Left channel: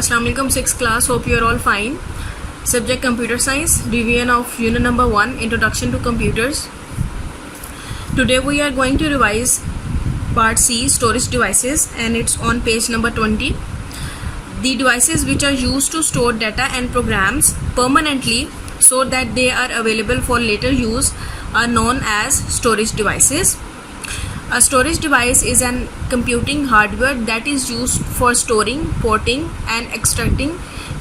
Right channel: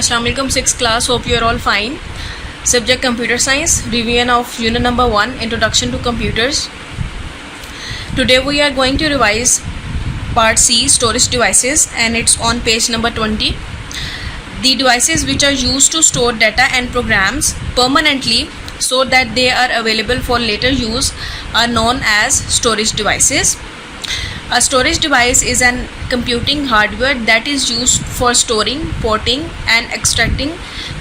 Assalamu alaikum 6th class. Hope you are all fine. Subject Computer Science. Revision of Unit number 1, Introduction to Computers. Today we are going to revise Part C, Storage Devices, and it's on page number 20. The devices which are used to store data and programs permanently so that they are available for later use are known as storage devices. A storage device is an computing hardware that is used for storing, porting, and extracting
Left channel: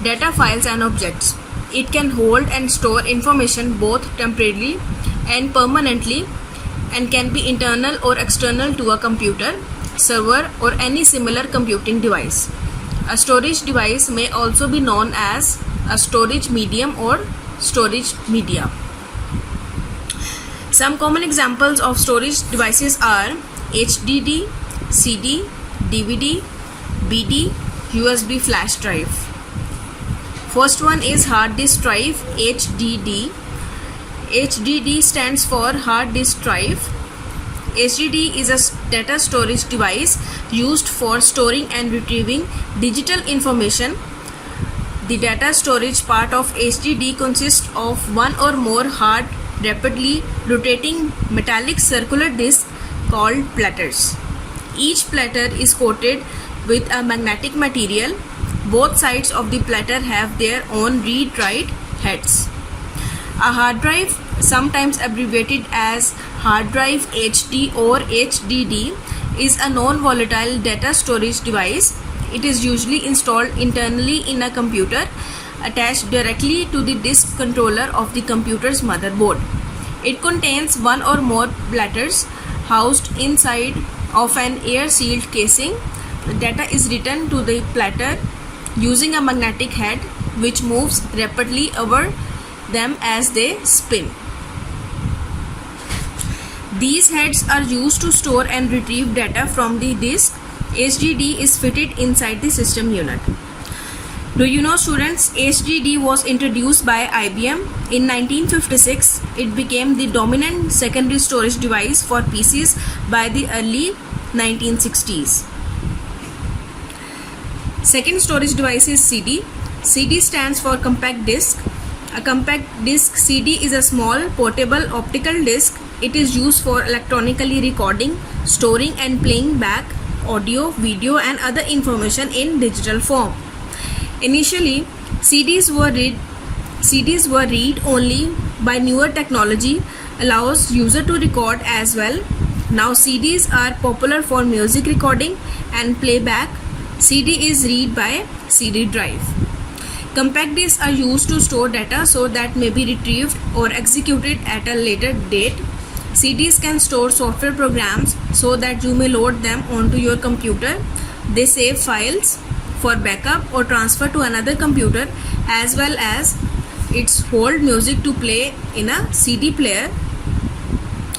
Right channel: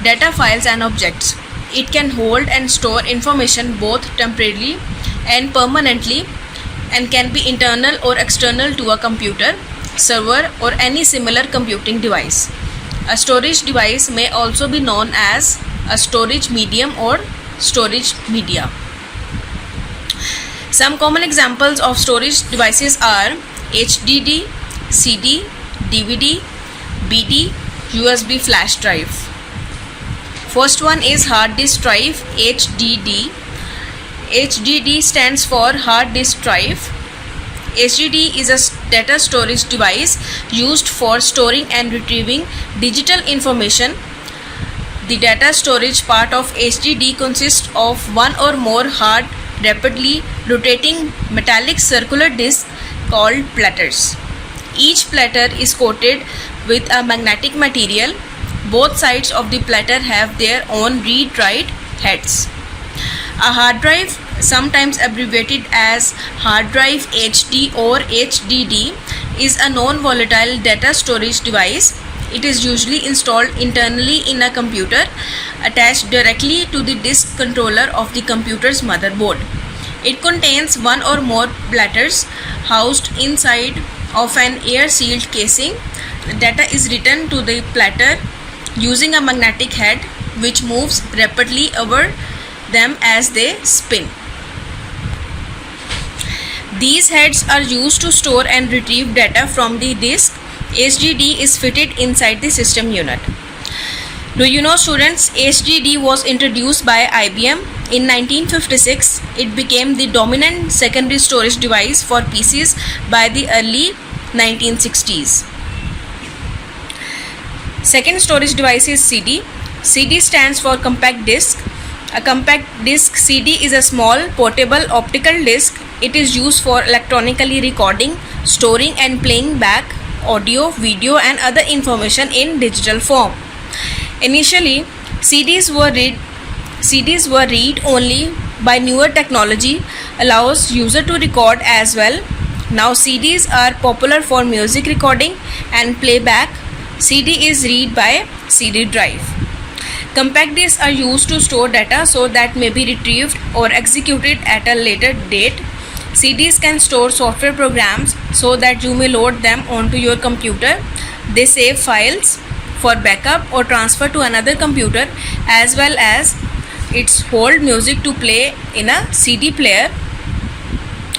data files and objects. It can hold and store information both temporarily and permanently and can be internal or external to a computer, server, or any similar computing device. A storage device may also be known as a storage medium or storage media. Some common examples of storage devices are HDD, CD, DVD, BD, USB flash drive. First one is hard disk drive, HDD. HDD stands for hard disk drive. HDD is a data storage device used for storing and retrieving digital information. The data storage part of HDD consists of one or more hard, rapidly rotating metallic circular discs called platters. Each platter is coated with a magnetic material. Both sides of the platter have their own read-write heads. A hard drive, sometimes abbreviated as hard drive HD or HDD, is a non-volatile data storage device. It is usually installed internally in a computer, attached directly to the disk controller of the computer's motherboard. It contains one or more platters housed inside of an air-sealed casing. The data is written to the platter using a magnetic head which moves rapidly over them as they spin. These heads are used to store and retrieve data from the disk. HDD is fitted inside the system unit. Do you know, students, HDD was introduced by IBM in 1956. It became the dominant secondary storage device for PCs by the early 1960s. Second storage device is CD. CD stands for compact disc. A compact disc CD is a small portable optical disc. It is used for electronically recording, storing, and playing back audio, video, and other information in digital form. Initially, CDs were read only, by newer technology allows user to record as well. Now CDs are popular for music recording and playback. CD is read by CD drive. Compact discs are used to store data so that may be retrieved or executed at a later date. CDs can store software programs so that you may load them onto your computer. They save files for backup or transfer to another computer, as well as its hold music to play in a CD player,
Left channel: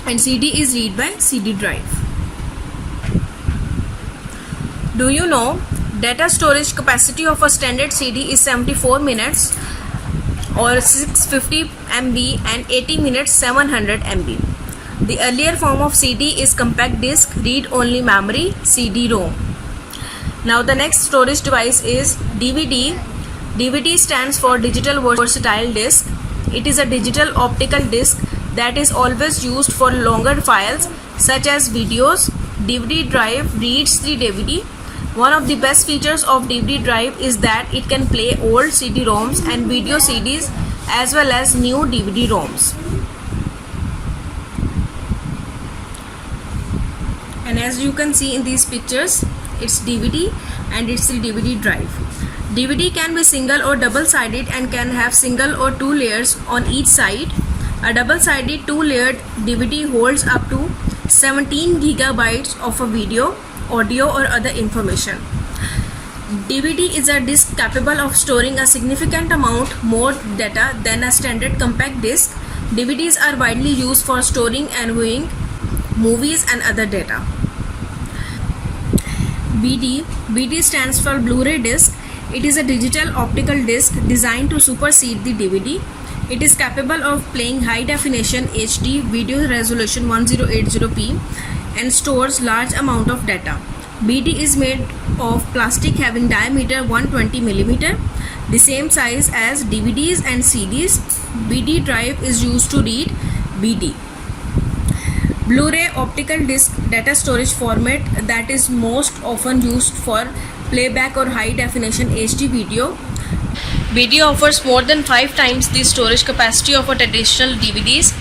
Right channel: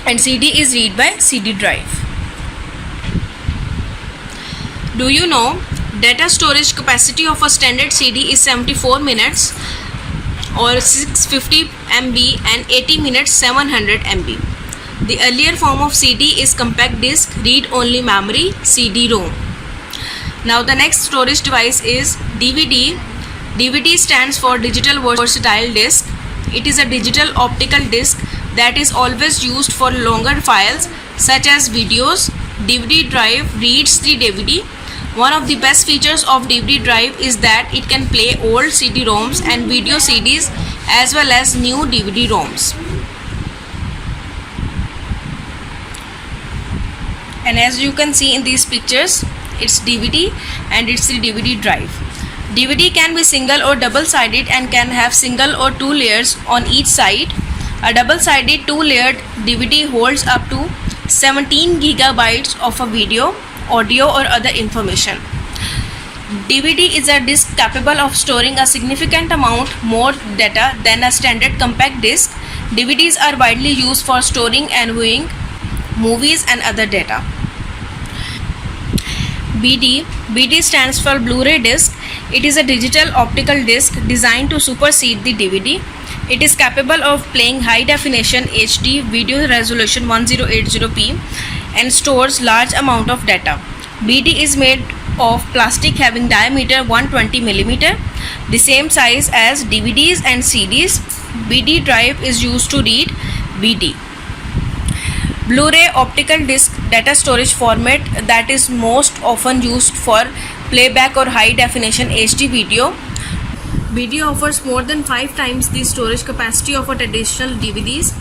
and CD is read by CD drive. Do you know data storage capacity of a standard CD is 74 minutes or 650 MB and 80 minutes 700 MB. The earlier form of CD is compact disc read-only memory, CD-ROM. Now the next storage device is DVD. DVD stands for digital versatile disc. It is a digital optical disc that is always used for longer files such as videos. DVD drive reads the DVD. One of the best features of DVD drive is that it can play old CD-ROMs and video CDs as well as new DVD-ROMs. And as you can see in these pictures, it's DVD and it's the DVD drive. DVD can be single or double-sided and can have single or two layers on each side. A double-sided two-layered DVD holds up to 17 gigabytes of a video, audio, or other information. DVD is a disc capable of storing a significant amount more data than a standard compact disc. DVDs are widely used for storing and viewing movies and other data. BD stands for Blu-ray disc. It is a digital optical disc designed to supersede the DVD. It is capable of playing high definition HD video resolution 1080p and stores large amount of data. BD is made of plastic having diameter 120 millimeter, the same size as DVDs and CDs. BD drive is used to read BD. Blu-ray optical disc data storage format that is most often used for playback or high definition HD video. BD offers more than 5 times the storage capacity of a traditional DVDs,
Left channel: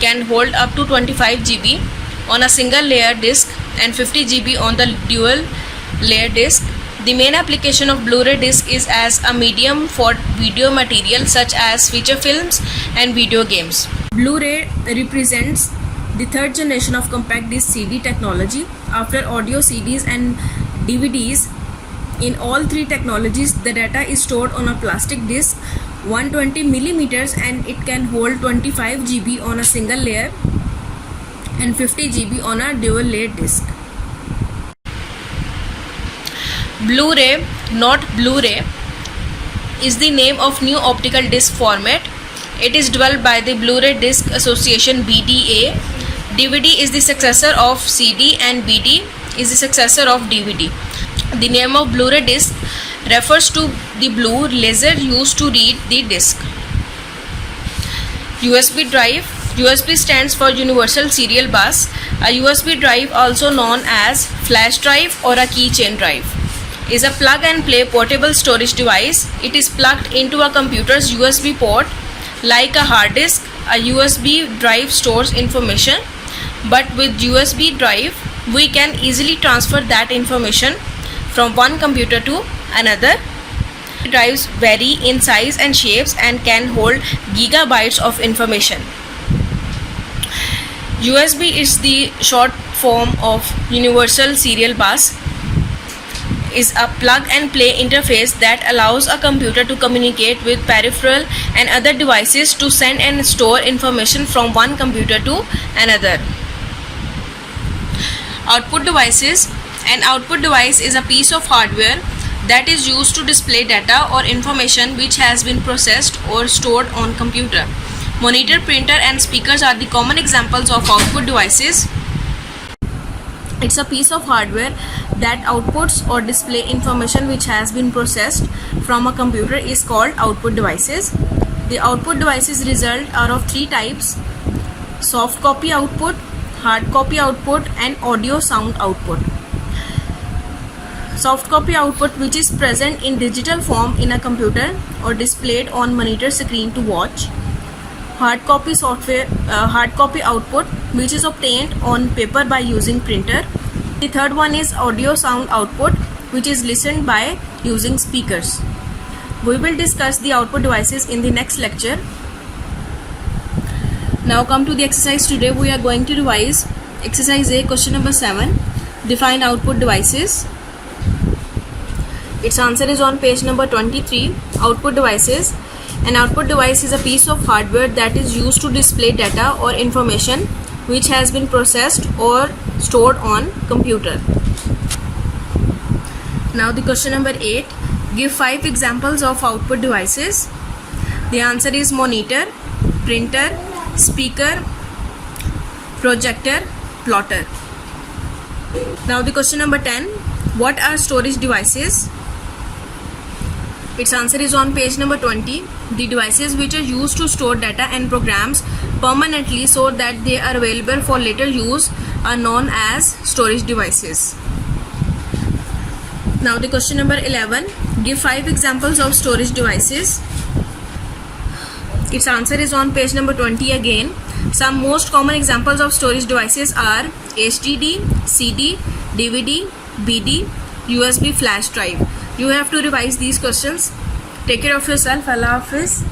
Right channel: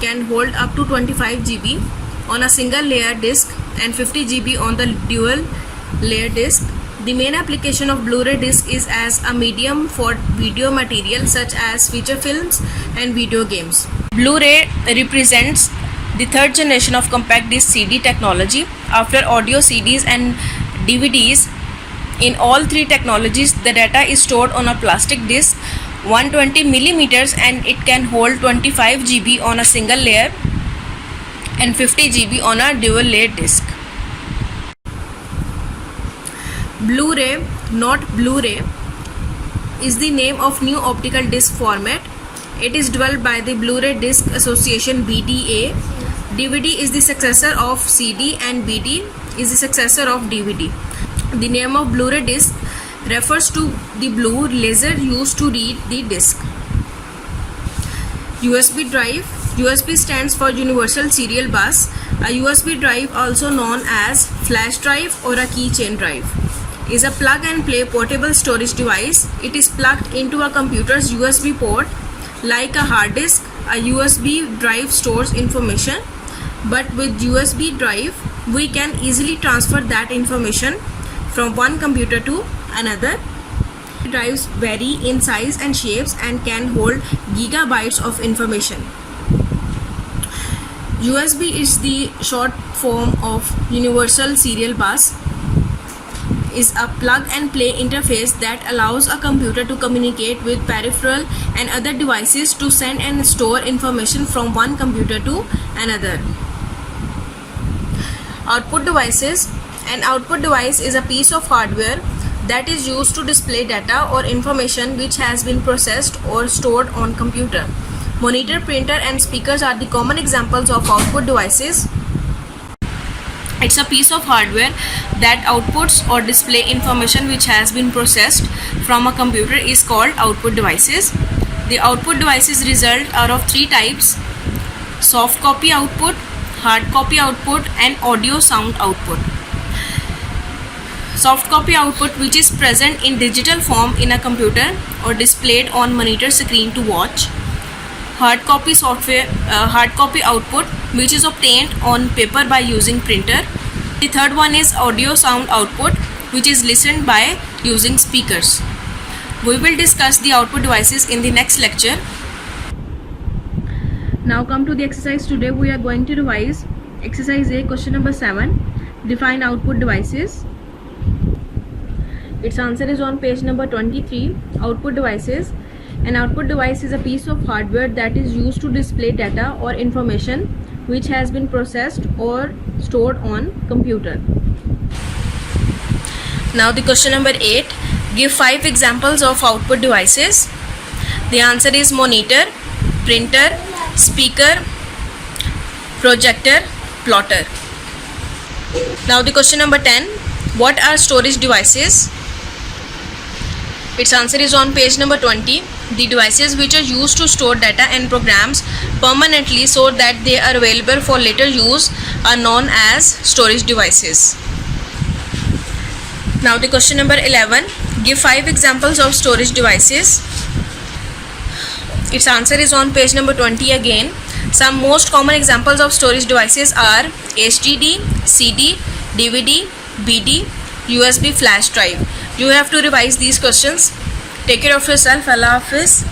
can hold up to 25 GB on a single layer disc and 50 GB on the dual layer disc. The main application of Blu-ray disc is as a medium for video material such as feature films and video games. Blu-ray represents the third generation of compact disc CD technology after audio CDs and DVDs. In all three technologies, the data is stored on a plastic disc 120 millimeters and it can hold 25 GB on a single layer and 50 GB on a dual layer disc. Blu-ray, not Blu-ray, is the name of new optical disc format. It is developed by the Blu-ray Disc Association BDA. DVD is the successor of CD and BD is the successor of DVD. The name of Blu-ray disc refers to the blue laser used to read the disc. USB drive. USB stands for Universal Serial Bus. A USB drive, also known as flash drive or a keychain drive, is a plug and play portable storage device. It is plugged into a computer's USB port. Like a hard disk, a USB drive stores information, but with USB drive we can easily transfer that information from one computer to another. Drives vary in size and shapes and can hold gigabytes of information. USB is the short form of Universal Serial Bus, is a plug and play interface that allows a computer to communicate with peripheral and other devices to send and store information from one computer to another. Output devices. An output device is a piece of hardware that is used to display data or information which has been processed or stored on computer. Monitor, printer and speakers are the common examples of output devices. It's a piece of hardware that outputs or display information which has been processed from a computer is called output devices. The output devices result are of 3 types: soft copy output, hard copy output and audio sound output. Soft copy output, which is present in digital form in a computer or displayed on monitor screen to watch. Hard copy output, which is obtained on paper by using printer. The third one is audio sound output, which is listened by using speakers. We will discuss the output devices in the next lecture. Now come to the exercise. Today we are going to revise exercise A, question number 7. Define output devices. Its answer is on page number 23. Output devices. An output device is a piece of hardware that is used to display data or information which has been processed or stored on computer. Now the question number 8. Give 5 examples of output devices. The answer is monitor, printer, speaker, projector, plotter. Now the question number 10. What are storage devices? Its answer is on page number 20. The devices which are used to store data and programs permanently so that they are available for later use are known as storage devices. Now the question number 11. Give 5 examples of storage devices. Its answer is on page number 20 again. Some most common examples of storage devices are HDD, CD, DVD, BD, USB flash drive. You have to revise these questions. Take care of yourself. Allah Hafiz.